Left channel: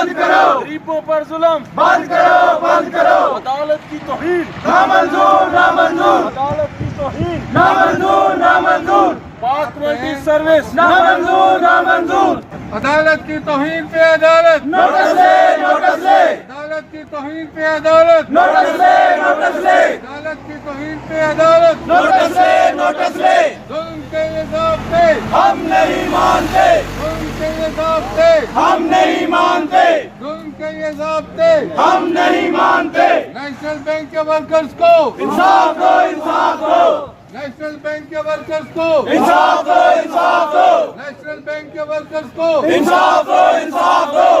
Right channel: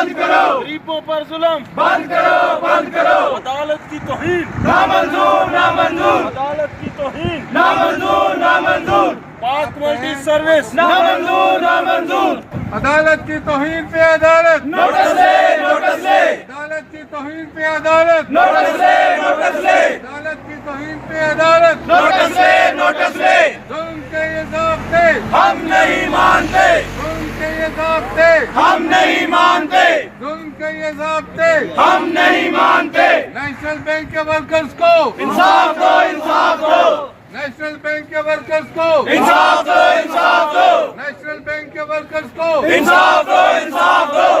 बंद करो, गरीबों पर जुल्म बंद करो, बंद करो, अदालत की तौहीन नामंजूर, नामंजूर, अदालत की तौहीन नामंजूर, नामंजूर, पाक कमेटी सर्विस नामंजूर, नामंजूर, अदालत की तौहीन पे अदालत, नोटिस ले, नोटिस ले, अदालत की तौहीन पे अदालत, नोटिस ले, नोटिस ले, अदालत की तौहीन पे अदालत, नोटिस ले, नोटिस ले, जुल्म के ये ज़ाब्ते, हम नहीं मानते, जुल्म के ये ज़ाब्ते, हम नहीं मानते, जुल्म के ये ज़ाब्ते, हम नहीं मानते। नेशनल बैंक के वर्कर्स को, इंसाफ दो, इंसाफ दो, नेशनल बैंक के वर्कर्स को, इंसाफ दो, इंसाफ दो, नेशनल बैंक के वर्कर्स को, इंसाफ दो, इंसाफ दो।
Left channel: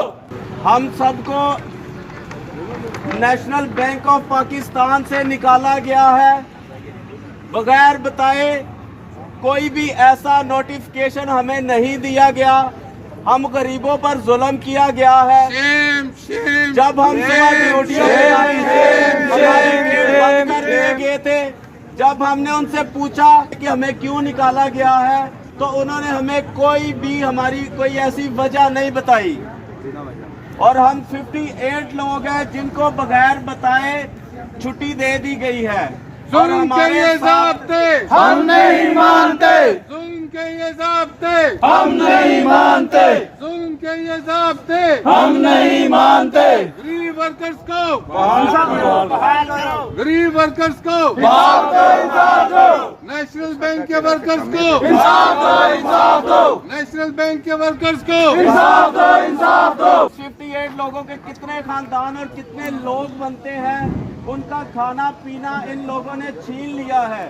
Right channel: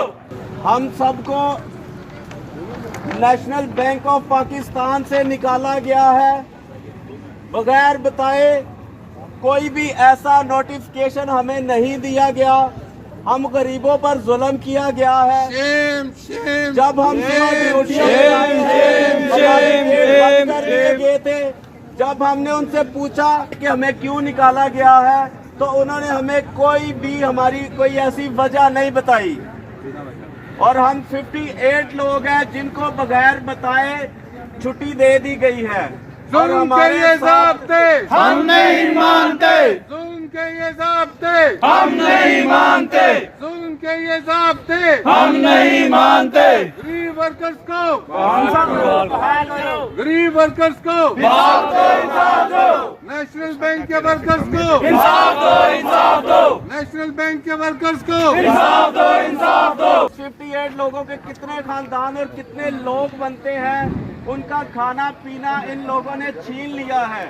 हम सबको नेशनल बैंक ऑफ पाकिस्तान से निकाला गया है बगैर बताए। कोई भी ऐसा नोटिफिकेशन हमें नहीं दिया गया। हम गरीबों पर जुल्म किया गया है। शेम, शेम, जब हम ड्यूटियों पे आए थे, हमारे गेट बंद कर दिए गए थे। जब हमने उनसे पूछा कि हमें क्यों निकाला गया है, तो उन्होंने हमें कोई भी हमारी कोई ऐसी वजह नहीं बताई। और हम 58 लोग हैं जिनको बगैर बताए छुट्टी दे दी गई है। और जुल्म के हमारे ये साथ ज़ाब्ते, हम नहीं मानते, जुल्म के ये ज़ाब्ते, हम नहीं मानते, जुल्म के ये ज़ाब्ते, हम नहीं मानते। गरीब वर्कर्स को, इंसाफ गरीब वर्कर्स को, इंसाफ दो, इंसाफ दो, नेशनल बैंक के वर्कर्स को, इंसाफ दो, इंसाफ दो, नेशनल बैंक के वर्कर्स को, इंसाफ दो, इंसाफ दो। 58 लोगों के कितने खानदान और कितने लोग बनते हैं, उनका खाना पीना इन लोगों ने छीन लिया है।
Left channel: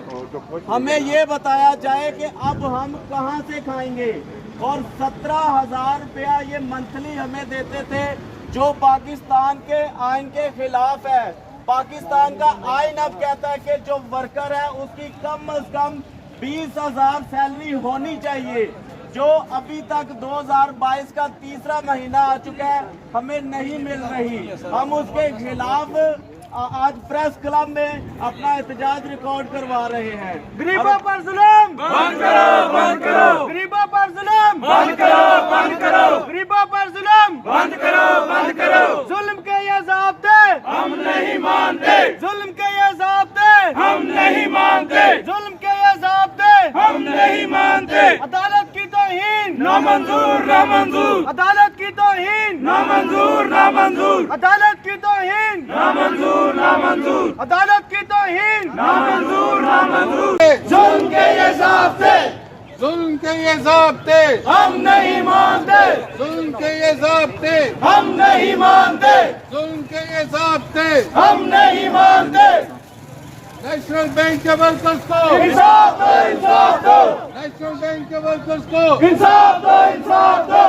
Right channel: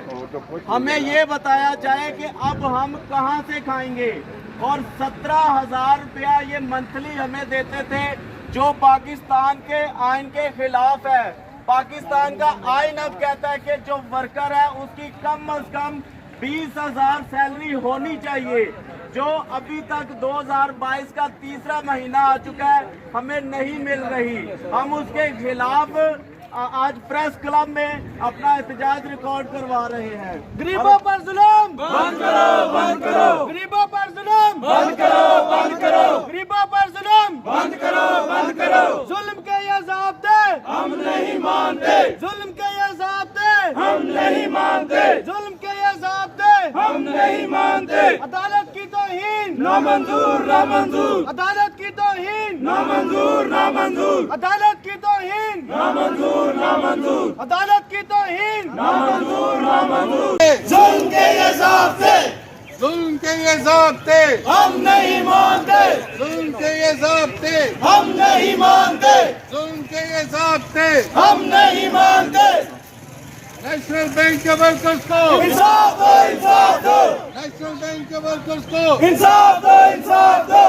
हमें ये बताया जाए कि अब हम कहां से खाएंगे। और 17,000 रुपया ये मंथली हमें देते थे, जो पाकिस्तान के आइन के खिलाफ है। पाकिस्तान का आइन अब कहता है कि जो वर्कर है उसकी कम से कम 20,000 सैलरी होनी चाहिए, जो अभी तक 2022 का तीसरा महीना आ चुका है, हमें नहीं मिल रही। हम उसके खिलाफ आज प्रेस क्लब में अपना एहतजाज रिकॉर्ड करवा रहे हैं। गरीबों पर जुल्म बंद करो, बंद करो, गरीबों पर जुल्म बंद करो, बंद करो, गरीबों पर जुल्म बंद करो, बंद करो। जुल्म के ये ज़ाब्ते हम नहीं मानते, जुल्म के ये ज़ाब्ते हम नहीं मानते, जुल्म के ये ज़ाब्ते हम नहीं मानते। अदालत की तौहीन नामंजूर, नामंजूर, अदालत की तौहीन नामंजूर, नामंजूर, अदालत की तौहीन नामंजूर, नामंजूर, अदालत की तौहीन नामंजूर, नामंजूर। जुल्म के ये ज़ाब्ते जुल्म के ये ज़ाब्ते, हम नहीं मानते, जुल्म के ये ज़ाब्ते, हम नहीं मानते, जुल्म के ये ज़ाब्ते, हम नहीं मानते। नेशनल बैंक के वर्कर्स को, इंसाफ दो, इंसाफ दो, नेशनल बैंक के वर्कर्स को, इंसाफ दो, इंसाफ दो,